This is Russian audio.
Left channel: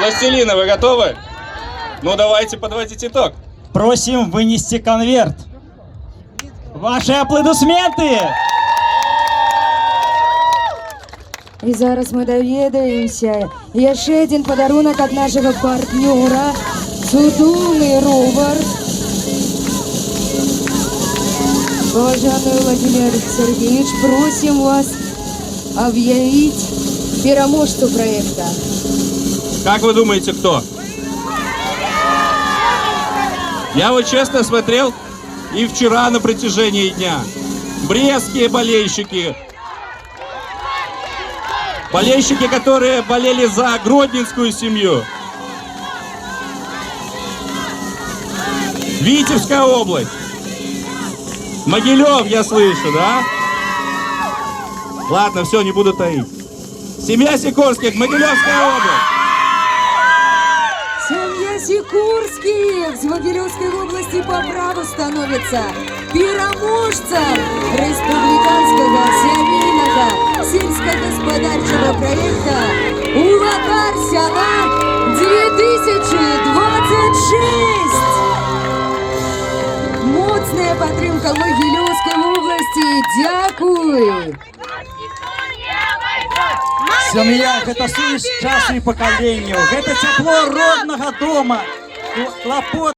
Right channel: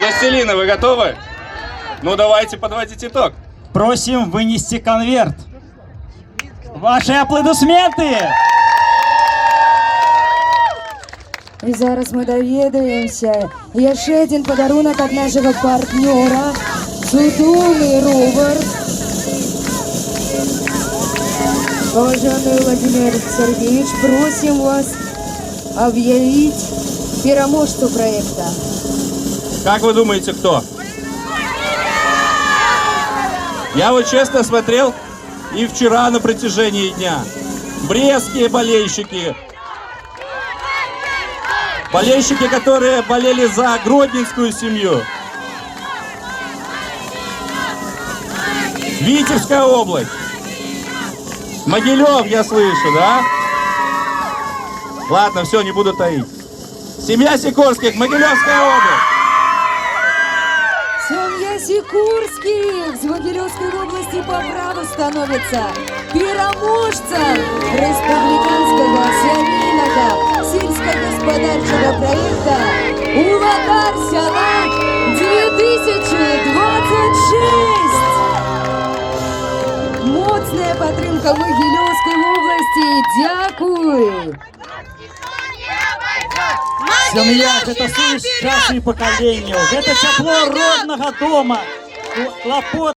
Пластилины, вы готовы? Ну давайте подводить итог. Просим вынести конверт. Ваши аплодисменты! І зараз ми довідаємося ще один подарунок від нашого партнера «Чудовий ровер». Уважаемый Владимир Сергеевич, просим вас объявить переможцу проекта. Как вы думаете, кто? Я вот честно смотрел и вчера на протяжении дня. Брестские болельщики. Болельщики, которые болели за Гродненскую семью. Витебская область. Могилев, я слышу, да? Ладно, все, не буду таить. Семья Сикорских, Могилевская область. Семья Сикорских с Могилевской области по праву становится переможцем республиканского сямейного сельскохозяйственного проекта «Улакар Сяна 2026». Моцная підтримка Могилевской области. Дякую. Семья – это сувязь часу и поколению. Это тепло родного дома. Клопот